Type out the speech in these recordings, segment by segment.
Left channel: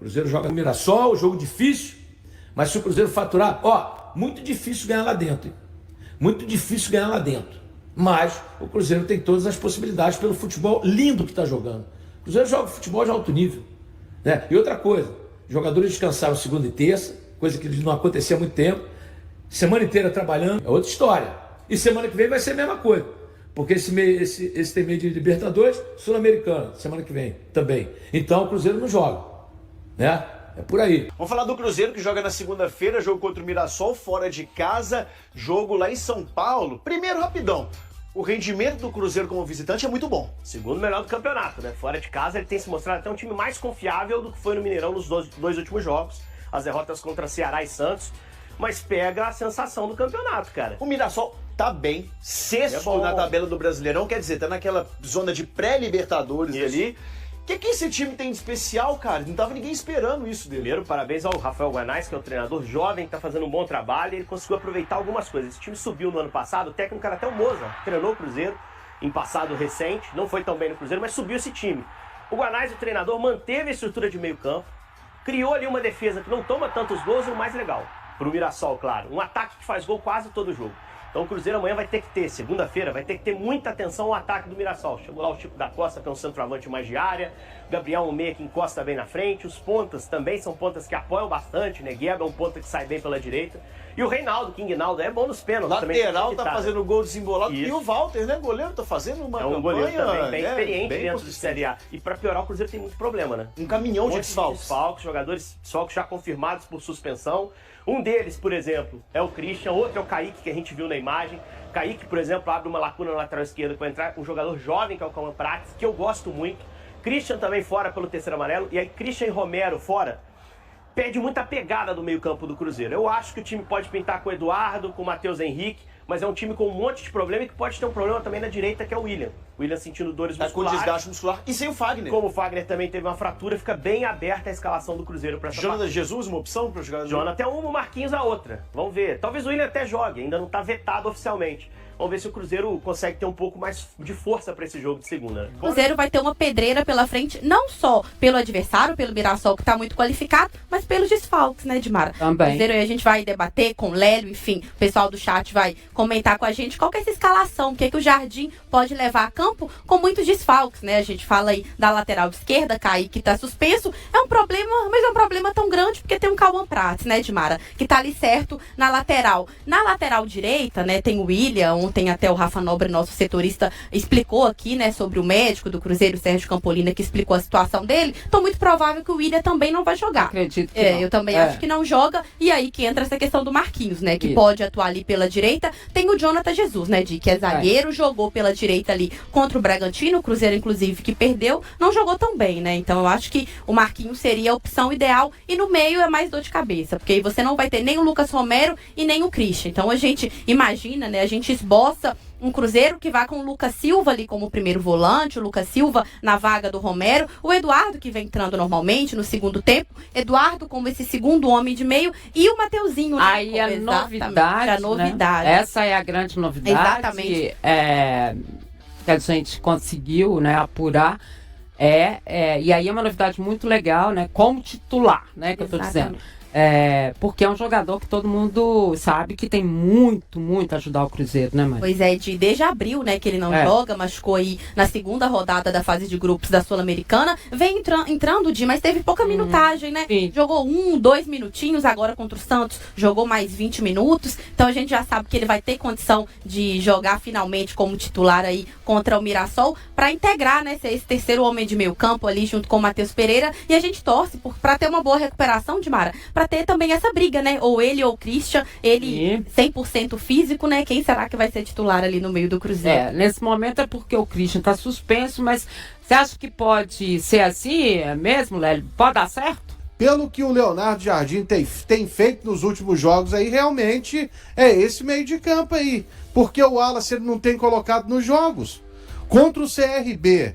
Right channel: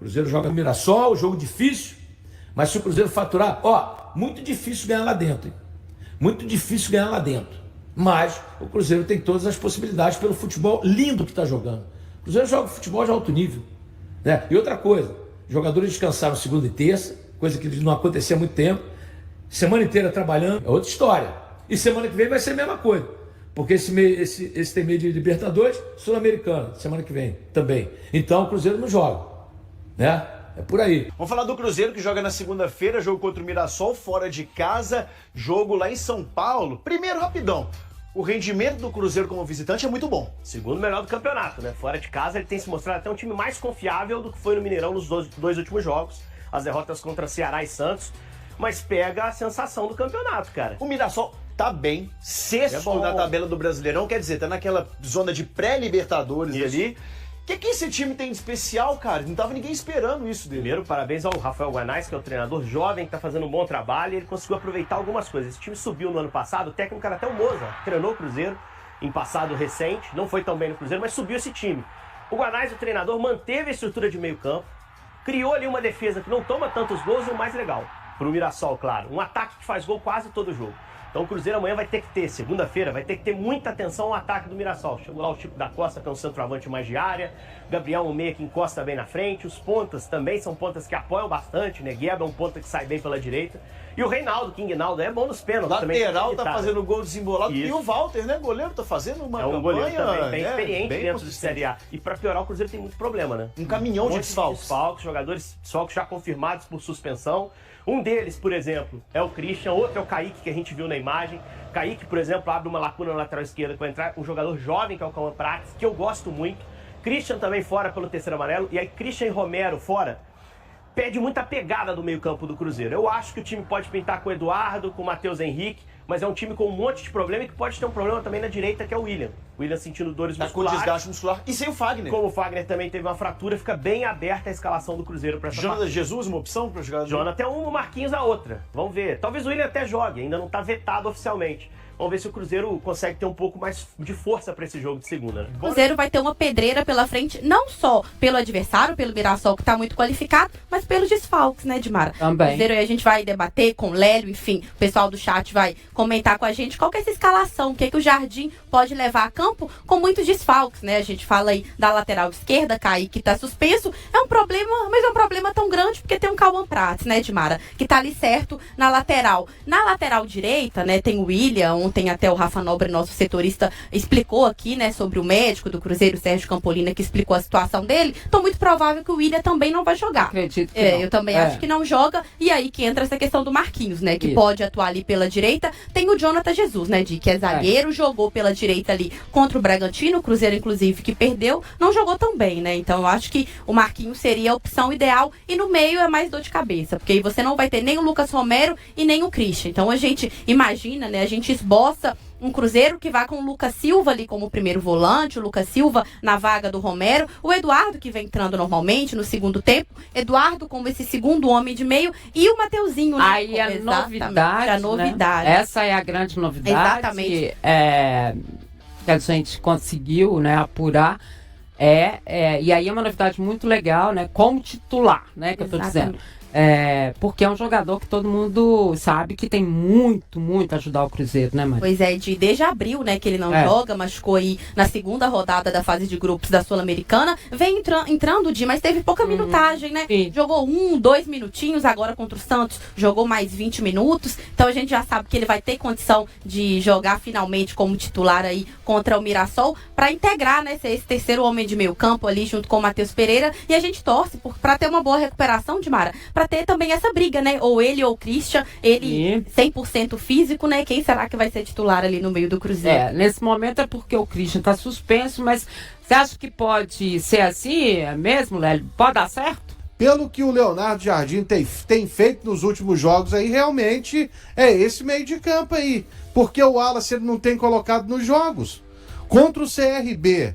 Cruzeiro joga no Mirassol, jogo difícil, mas se o Cruzeiro faturar, muito difícil ganhar lá dentro, hein? Muito difícil ganhar lá dentro. Mas o Cruzeiro tem todas as possibilidades pelo futebol lindo que está jogando. O Cruzeiro joga futebol de alto nível, né? E outra coisa, jogadores descansaram segunda e terça, coisa que não acontecia há muito tempo. Semana inteira trabalhando, é outra história. E semana que vem vai ser a mesma coisa. Porque esse tem meio de Libertadores, Sul-Americana, semana que vem também. Então o Cruzeiro não joga, né? É por aí. Vamos falar do Cruzeiro que joga na segunda-feira, jogo contra o Mirassol, fora de casa, jogo lá em São Paulo. Primeiro, rapidão. O rendimento do Cruzeiro como visitante é muito bom. Segundo melhor do campeonato, né? Fora de casa ele tem se mostrado até um time mais confiável do que foi no Mineirão nos dois últimos jogos. As derrotas contra Ceará e Santos. Mas pega a sensação do campeonato, cara. O Mirassol tá bem, sexto na tabela do Brasileirão, quer dizer, tá naquela zona de pré-Libertadores ali. O que esse time tem de especial, cara? Não tava ninguém esperando isso dele. Primeiro, parabéns ao Rafael Guanais, que é o treinador jovem, que tá fazendo um bom trabalho, e ele conseguiu aproveitar algumas coisas. Esse time subiu no ano passado, o técnico era até o Moza, treinou o Cruzeiro em passado recente, não foi tão bem no Cruzeiro, mas subiu esse time. O Guanais, o treinador, manteve a estrutura de meio campo, criou ali uma defesa que não toma tantos gols e o mais legal, pro Mirassol, claro, um ataque que faz gol quase todo jogo. Então o Cruzeiro amanhã vai ter que ter, segunda-feira, vai ter que ter muita atenção ao ataque do Mirassol. Chegou lá o Chico da Costa, que é um centroavante mais de área, Gabriel, um meia que encosta bem na frente, os pontas também são pontas que apoiam bastante, né? Gueba é um ponta que sai bem pela direita. E o Reinaldo, King Naldo, é bom nos pênaltis também. Lateral tá fazendo gol desembolado. Isso. E o Walter, né? Goleiro, tá fazendo uma campanha... É um goleiro também bem experiente bem dentro do Série A. E pra piorar, o Cruzeiro tem muito problema, né? Um caminhão de desfalques. Jogadores desfalques já confirmados por suspensão. Um deles, por exemplo, é o Christian, outro é o Kaique, que a gente viu na imagem. Kaique, por exemplo, abre uma lacuna na lateral esquerda para entrar um jogador jovem, que é o Cauã Prates, que eu gosto muito. Christian também fora pelo terceiro amarelo. E aí Christian e Romero fora. Pede muita pegada do meio-campo do Cruzeiro. Eu acho que o time pode pintar com o Eduardo, com o Matheus Henrique, mas é um time com um monte de problema e que pode ter um problema também na direita, que é o William. O William sentindo dores musculares. Com desgaste muscular. E sem o Fagner. Como o Fagner também teve uma fratura, fica bem aberta a escalação do Cruzeiro para essa Jonathan Jesus, uma opção para jogar? Jonathan uma, o Marquinhos a outra. Vamos ver. Talvez o William até jogue, ainda não está vetado oficialmente. Vamos ver se o Cruzeiro consegue ter um pouco mais de força para esse jogo de segunda. O Cruzeiro vai ter uma pedreira pela frente, não só pelo adversário, pelo Mirassol, que está muito qualificado, mas pelos desfalques, né, Dimara? Também. O Cruzeiro, a gente vai debater com o Lélio, enfim, o pessoal do chat vai comentar com a gente qual que é essa escalação, o que o Jardim pode levar a campo com muitos desfalques, né? A gente fala aí da lateral esquerda, Kaique, que está suspenso. É um problema, mas é um problema tão grande porque tem um Cauã Prates, né, Dimara? Que tá ali certo na lateral. Na lateral direita, né, tem o William, ontem até o Rafa Nobre, nosso setorista, explicou aqui, né, sobre o médico do Cruzeiro, Sérgio Campolina, que explicou a situação dele. Então, muito provável que o William também não vai jogar. Acredito que não. Eu também acho que não joga. E aí que entra essa questão do Marquinhos, né, que Isso. pode atuar ali pela direita. Tem o Jonathan Jesus, né, que é zagueiro, jogou pela direita ali contra o Bragantino, o Cruzeiro, inclusive, que perdeu, não jogou tão bem, né? Então, eu acho que o Marquinhos seria a opção ideal. E no meio é mais dor de cabeça, porque aí você não vai ter nem o Lucas Romero e nem o Christian. Então, a gente imagina, né, a gente esboça um Cruzeiro que vai com o Lucas Silva ali como primeiro volante, o Lucas Silva na vaga do Romero, o Eduardo que vem entrando normalmente no segundo tempo, Eduardo como esse segundo homem de meio e o Mateuzinho, né? Aí a novidade, né? Essa é a grande novidade. Exatamente. Que a gente conseguiu, né, apurar. E aí é uma novidade muito legal, né? Como titular, né? Que eu tô dizendo. Porque é um jogador que todo mundo sabe que tem muito a ajudar o Cruzeiro, né, Maria? Pois é, desde abril, né, que ele não joga, machucou aí na segunda rodada da fase de grupos da Sul-Americana, vem entrando mas teve pouca minutagem, né? Sim. Jogou 2 minutinhos, agora contra o Santos jogou mais 20 minutos, então a gente já sabe que ele vai ter condição de jogar finalmente como titular aí contra o Mirassol, para integrar, né, ser esse terceiro homem de meio campo ali junto com o Matheus Pereira, e a gente torce para ter uma boa recuperação, Dimara, para ter também essa briga, né? Ou ele ou o Christian, ele 100% físico, né? Quem será que vai ser titular ali no meio do Cruzeiro? Nesse momento é porque o Christian tá suspenso, mas você acha que pode ser assim mesmo, Lélio? Pode dar certo? Pelo que o Leonardo Jardim tem feito nos últimos jogos aí, realmente é esse meio de campo aí. Porque o Wallace ele não tem colocado nos jogos. Contra o CRB,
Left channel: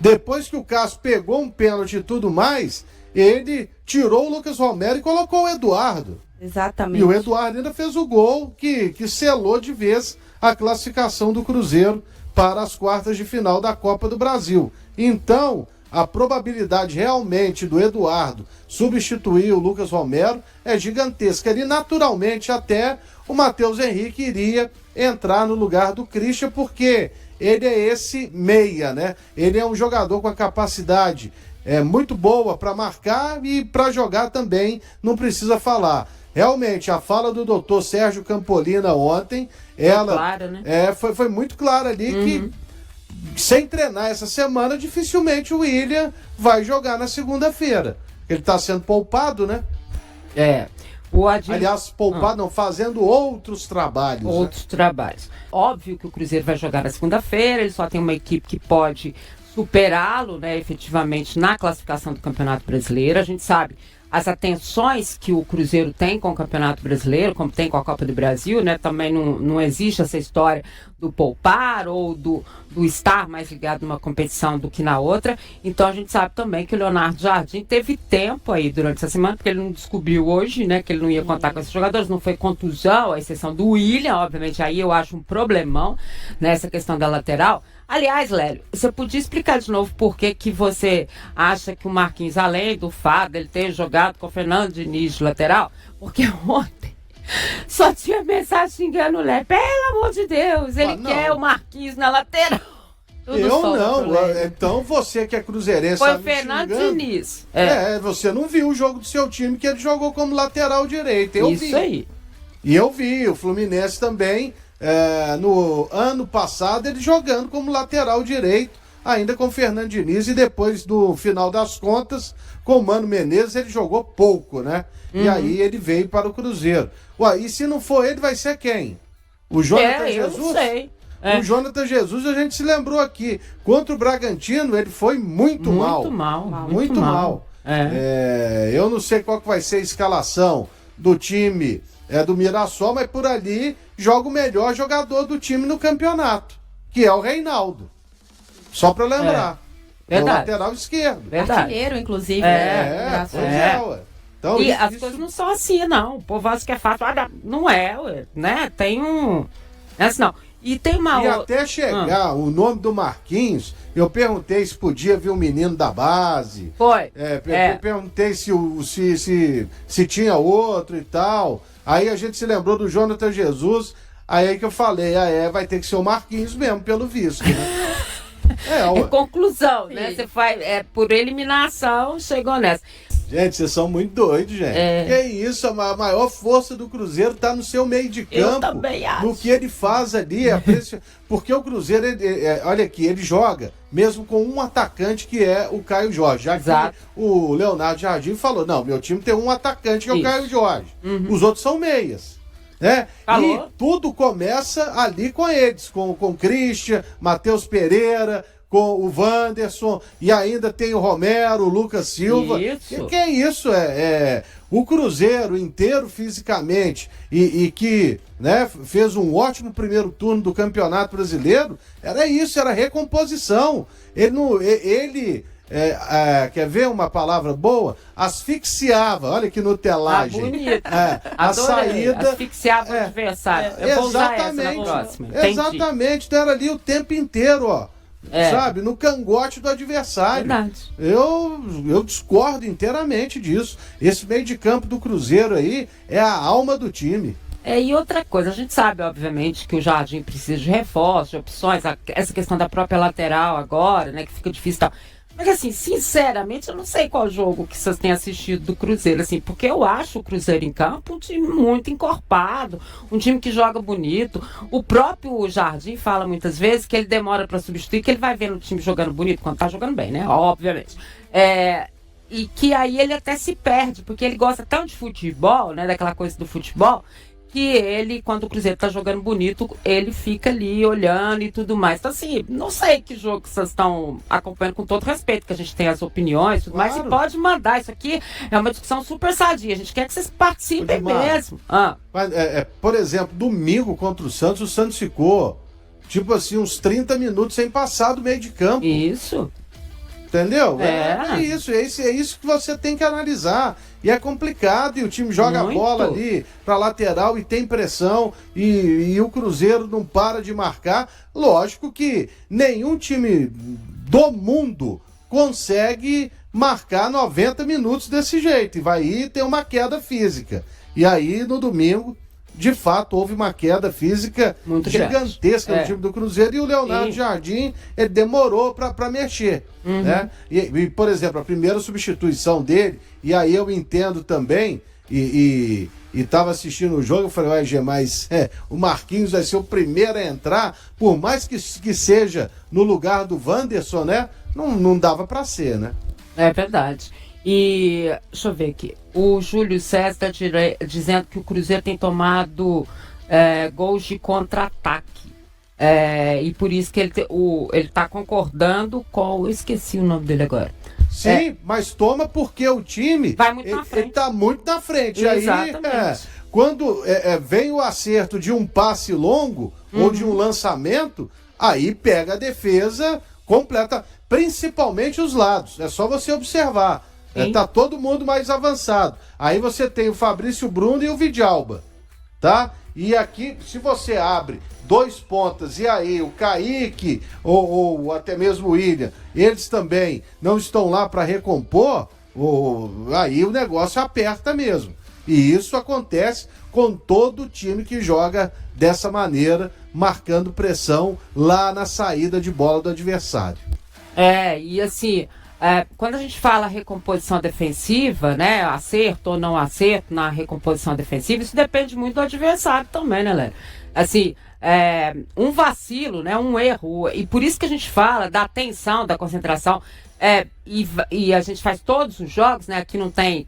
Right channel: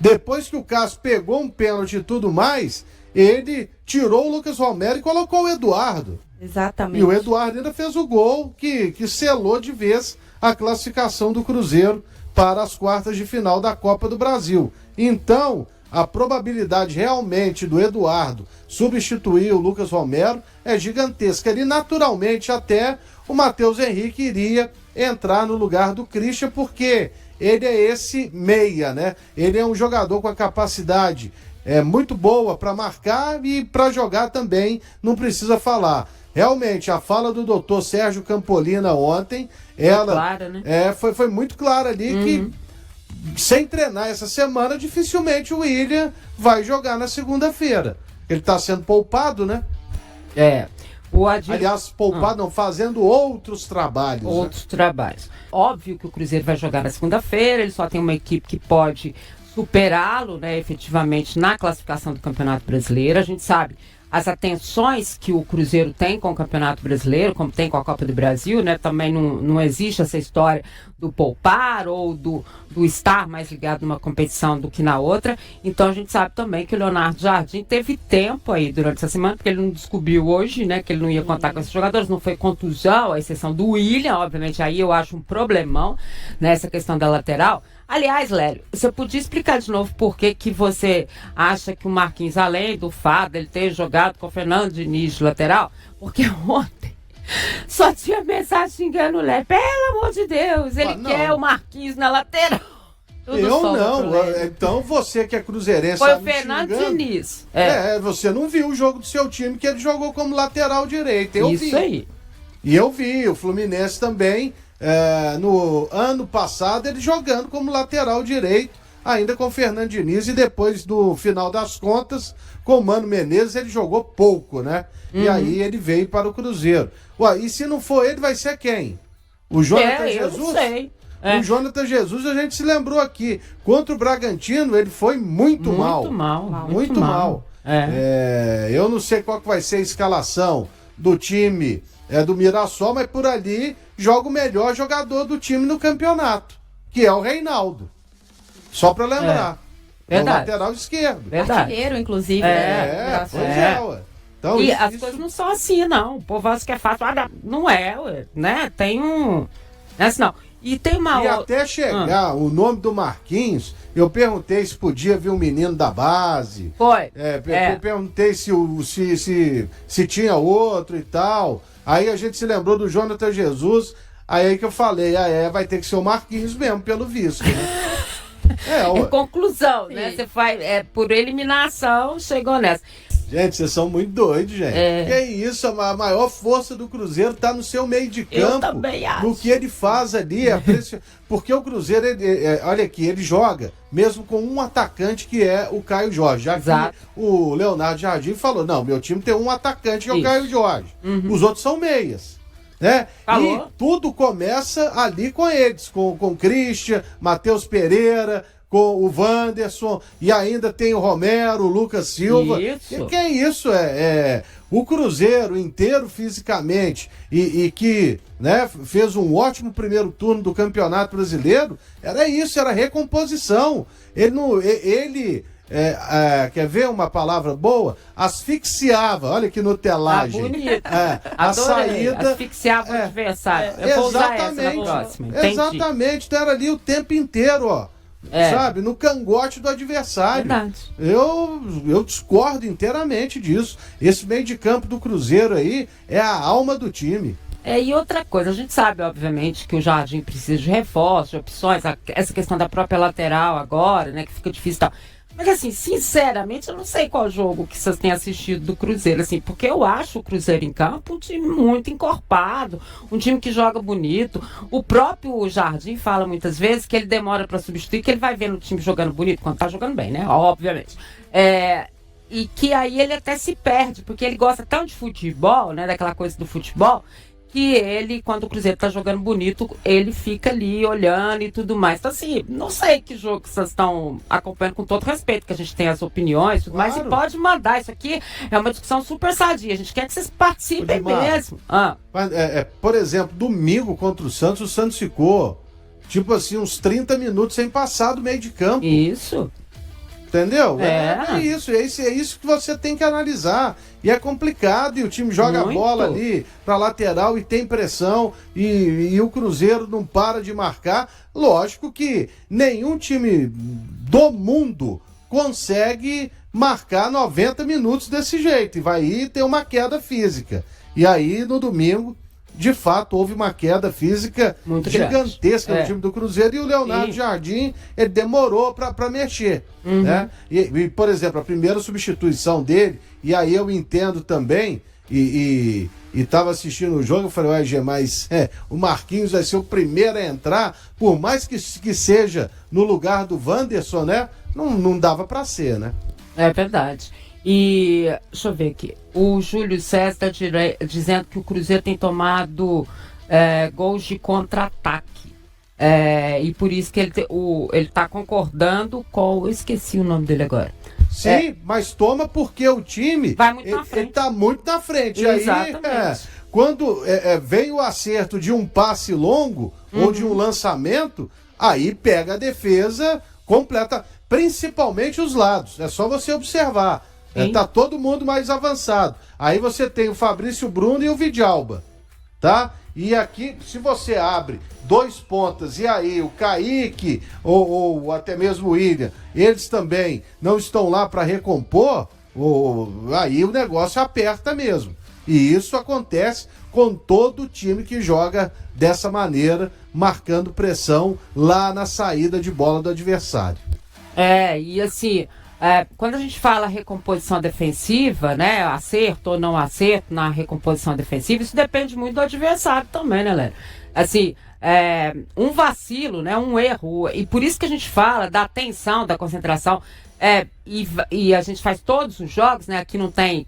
depois que o Cássio pegou um pênalti e tudo mais, ele tirou o Lucas Romero e colocou o Eduardo. Exatamente. E o Eduardo ainda fez o gol que selou de vez a classificação do Cruzeiro para as quartas de final da Copa do Brasil. Então, a probabilidade realmente do Eduardo substituir o Lucas Romero é gigantesca. Ele naturalmente até o Matheus Henrique iria entrar no lugar do Christian, porque ele é esse meia, né? Ele é um jogador com a capacidade muito boa para marcar e para jogar também, não precisa falar. Realmente, a fala do doutor Sérgio Campolina ontem, ela clara, né? Foi muito clara ali que sem treinar essa semana, dificilmente o William vai jogar na segunda-feira. Ele está sendo poupado, né? Aliás, poupado não, fazendo outros trabalhos. Outros trabalhos. Óbvio que o Cruzeiro vai jogar na segunda-feira, ele só tem uma equipe que pode superá-lo, né, efetivamente, na classificação do Campeonato Brasileiro. A gente sabe as atenções que o Cruzeiro tem com o Campeonato Brasileiro, como tem com a Copa do Brasil, né? Também não existe essa história do poupar ou do estar mais ligado numa competição do que na outra. Então a gente sabe também que o Leonardo Jardim teve tempo aí durante essa semana, porque ele não descobriu hoje, né, que ele não ia contar com esses jogadores, não foi contusão, à exceção do William, obviamente, aí eu acho um problemão nessa questão da lateral. Aliás, Lélio, você podia explicar de novo por que você acha que o Marquinhos, além do fato dele ter jogado com o Fernando Diniz de lateral, porque ontem só tinha mensagem xingando o Lélio. Pelo amor de Deus, ele quer o Marquinhos na lateral. Eu não, então você que é cruzeirense foi o Fernando Diniz. Você não viu o jogo do seu time que ele jogou como lateral direito. Eu vi. Isso aí. E eu vi, o Fluminense também, no ano passado, ele jogando como lateral direito, ainda com o Fernando Diniz, e depois do final das contas, com o Mano Menezes, ele jogou pouco, né? E aí ele veio para o Cruzeiro. Ué, e se não for ele, vai ser quem? O Jonathan Jesus? Eu não sei. O Jonathan Jesus, a gente se lembrou aqui, contra o Bragantino, ele foi muito mal. Muito mal. Eu não sei qual que vai ser a escalação do time do Mirassol, mas por ali joga o melhor jogador do time no campeonato, que é o Reinaldo. Só para lembrar. No lateral esquerdo. Artilheiro, inclusive. Então, e as coisas não são assim, não. O povo acha que é fácil. Não é, né? Tem um... não. E tem uma outra... até chegar o nome do Marquinhos, eu perguntei se podia vir um menino da base. Foi. Perguntei se tinha outro e tal. Aí a gente se lembrou do Jonathan Jesus. Aí que eu falei, vai ter que ser o Marquinhos mesmo, pelo visto, né? Conclusão, né? Você faz por eliminação, chegou nessa. Gente, vocês são muito doidos, gente. Que isso, a maior força do Cruzeiro tá no seu meio de campo. Eu também acho. No que ele faz ali. Porque o Cruzeiro, olha aqui, ele joga mesmo com um atacante que é o Caio Jorge. Já que o Leonardo Jardim falou, não, meu time tem um atacante que é o Caio Jorge. Os outros são meias. Né? E tudo começa ali com eles, com o Christian, Matheus Pereira, com o Wanderson, e ainda tem o Romero, o Lucas Silva. Isso. Que é isso? O Cruzeiro inteiro fisicamente e que, né, fez um ótimo primeiro turno do Campeonato Brasileiro, era isso, era recomposição. Ele quer ver uma palavra boa? Asfixiava, olha que nutelagem. Bonito. A saída. Asfixiava o adversário. Eu vou usar essa na próxima. Exatamente, então era ali o tempo inteiro, ó. Sabe, no cangote do adversário. Verdade. Eu discordo inteiramente disso. Esse meio de campo do Cruzeiro aí é a alma do time. E outra coisa, a gente sabe, obviamente, que o Jardim precisa de reforços, de opções, essa questão da própria lateral agora, né, que fica difícil e tal. Mas assim, sinceramente, eu não sei qual jogo que vocês têm assistido do Cruzeiro, assim, porque eu acho o Cruzeiro em campo um time muito encorpado, um time que joga bonito. O próprio Jardim fala muitas vezes que ele demora para substituir, que ele vai vendo o time jogando bonito quando tá jogando bem, né? Obviamente. E que aí ele até se perde, porque ele gosta tanto de futebol, né, daquela coisa do futebol, que ele, quando o Cruzeiro tá jogando bonito, ele fica ali olhando e tudo mais. Então, assim, não sei que jogo que vocês estão acompanhando, com todo respeito, que a gente tem as opiniões, tudo mais, e pode mandar. Isso aqui é uma discussão super sadia. A gente quer que vocês participem mesmo. Mas, por exemplo, domingo contra o Santos ficou, tipo assim, uns 30 minutos sem passar do meio de campo. Isso. Entendeu? É isso que você tem que analisar. E é complicado, e o time joga a bola ali pra lateral e tem pressão, e o Cruzeiro não para de marcar. Lógico que nenhum time do mundo consegue marcar 90 minutos desse jeito e vai ir ter uma queda física. E aí, no domingo, de fato, houve uma queda física muito gigantesca no time do Cruzeiro e o Leonardo Jardim, ele demorou para mexer, né? E, por exemplo, a primeira substituição dele, e aí eu entendo também, e tava assistindo o jogo, eu falei, uai, Gê, mas o Marquinhos vai ser o primeiro a entrar, por mais que seja no lugar do Wanderson, né? Não dava para ser, né? É verdade. E deixa eu ver aqui. O Júlio César está dizendo que o Cruzeiro tem tomado gols de contra-ataque. E por isso que ele está concordando com... Eu esqueci o nome dele agora. Sim, mas toma porque o time... Vai muito na frente. Ele está muito na frente. Exatamente. Aí, quando vem o acerto de um passe longo ou de um lançamento, aí pega a defesa completa, principalmente os lados. É só você observar. Tá todo mundo mais avançado. Aí você tem o Fabrício Bruno e o Vidalba, tá? E aqui, se você abre 2 pontas e aí o Kaique ou até mesmo o William, eles também não estão lá para recompor, aí o negócio aperta mesmo. E isso acontece com todo time que joga dessa maneira, marcando pressão lá na saída de bola do adversário. E assim... quando a gente fala recomposição defensiva, né, acerto ou não acerto na recomposição defensiva, isso depende muito do adversário também, né, Léo? Assim, um vacilo, né, um erro, e por isso que a gente fala da atenção, da concentração, e a gente faz todos os jogos, né, aqui não tem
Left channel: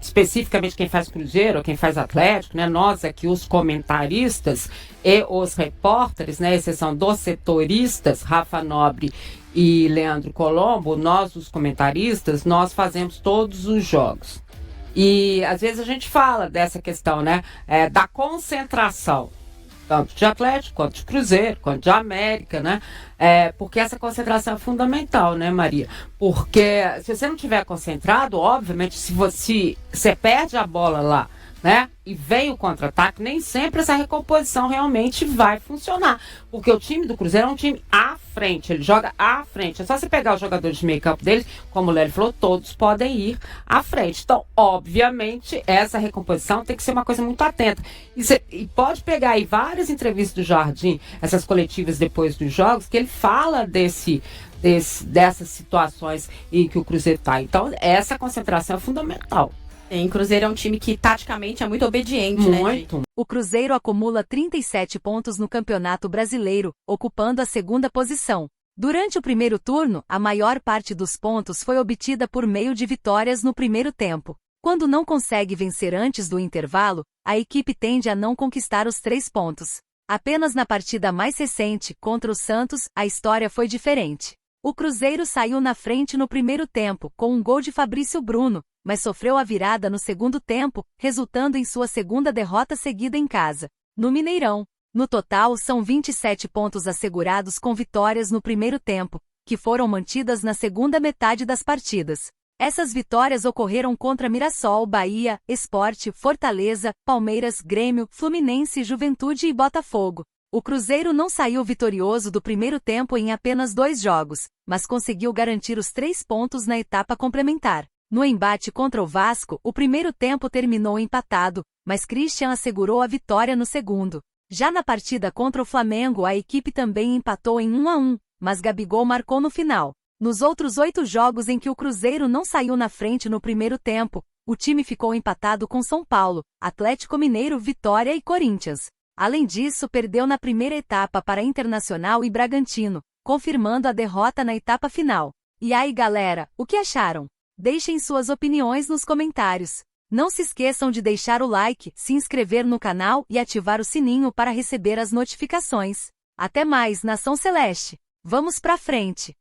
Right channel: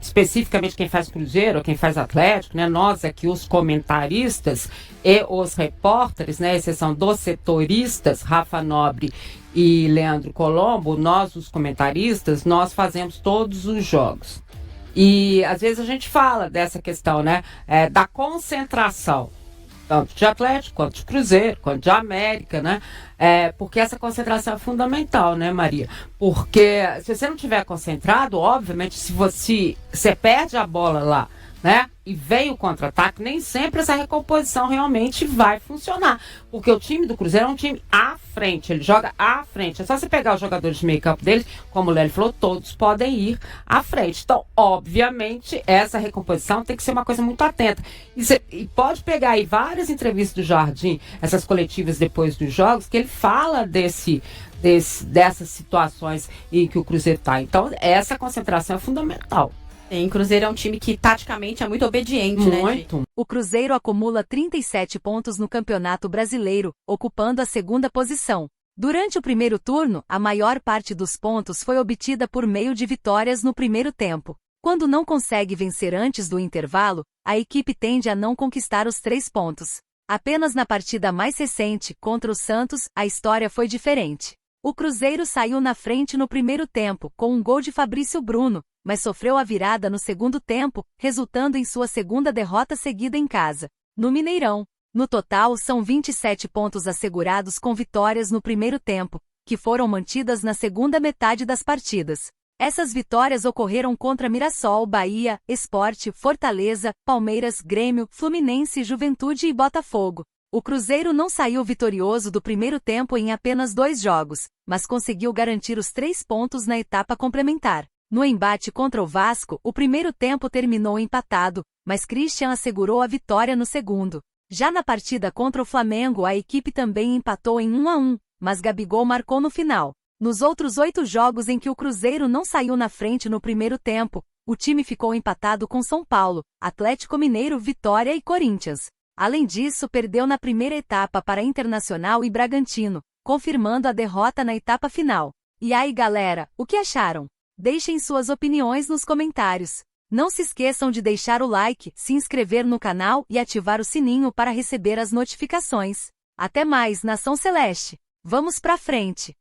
especificamente quem faz Cruzeiro ou quem faz Atlético, né, nós aqui os comentaristas e os repórteres, né, exceção dos setoristas, Rafa Nobre e Leandro Colombo, nós os comentaristas, nós fazemos todos os jogos. E às vezes a gente fala dessa questão, né, da concentração, tanto de Atlético, quanto de Cruzeiro, quanto de América, né, porque essa concentração é fundamental, né, Maria? Porque se você não estiver concentrado, obviamente, se você perde a bola lá, né, e vem o contra-ataque, nem sempre essa recomposição realmente vai funcionar. Porque o time do Cruzeiro é um time à frente, ele joga à frente. É só você pegar os jogadores de meio campo dele, como o Lélio falou, todos podem ir à frente. Então, obviamente, essa recomposição tem que ser uma coisa muito atenta. E pode pegar aí várias entrevistas do Jardim, essas coletivas depois dos jogos, que ele fala dessas situações em que o Cruzeiro está. Então, essa concentração é fundamental. O Cruzeiro é um time que taticamente é muito obediente, né? Muito. O Cruzeiro acumula 37 pontos no Campeonato Brasileiro, ocupando a 2ª posição. Durante o primeiro turno, a maior parte dos pontos foi obtida por meio de vitórias no primeiro tempo. Quando não consegue vencer antes do intervalo, a equipe tende a não conquistar os 3 pontos. Apenas na partida mais recente, contra o Santos, a história foi diferente. O Cruzeiro saiu na frente no primeiro tempo, com um gol de Fabrício Bruno, mas sofreu a virada no segundo tempo, resultando em sua 2ª derrota seguida em casa, no Mineirão. No total, são 27 pontos assegurados com vitórias no primeiro tempo, que foram mantidas na segunda metade das partidas. Essas vitórias ocorreram contra Mirassol, Bahia, Sport, Fortaleza, Palmeiras, Grêmio, Fluminense, Juventude e Botafogo. O Cruzeiro não saiu vitorioso do primeiro tempo em apenas 2 jogos, mas conseguiu garantir os 3 pontos na etapa complementar. No embate contra o Vasco, o primeiro tempo terminou empatado, mas Christian assegurou a vitória no segundo. Já na partida contra o Flamengo, a equipe também empatou em 1-1, mas Gabigol marcou no final. Nos outros 8 jogos em que o Cruzeiro não saiu na frente no primeiro tempo, o time ficou empatado com São Paulo, Atlético Mineiro, Vitória e Corinthians. Além disso, perdeu na primeira etapa para Internacional e Bragantino, confirmando a derrota na etapa final. E aí, galera, o que acharam? Deixem suas opiniões nos comentários. Não se esqueçam de deixar o like, se inscrever no canal e ativar o sininho para receber as notificações. Até mais, Nação Celeste! Vamos pra frente!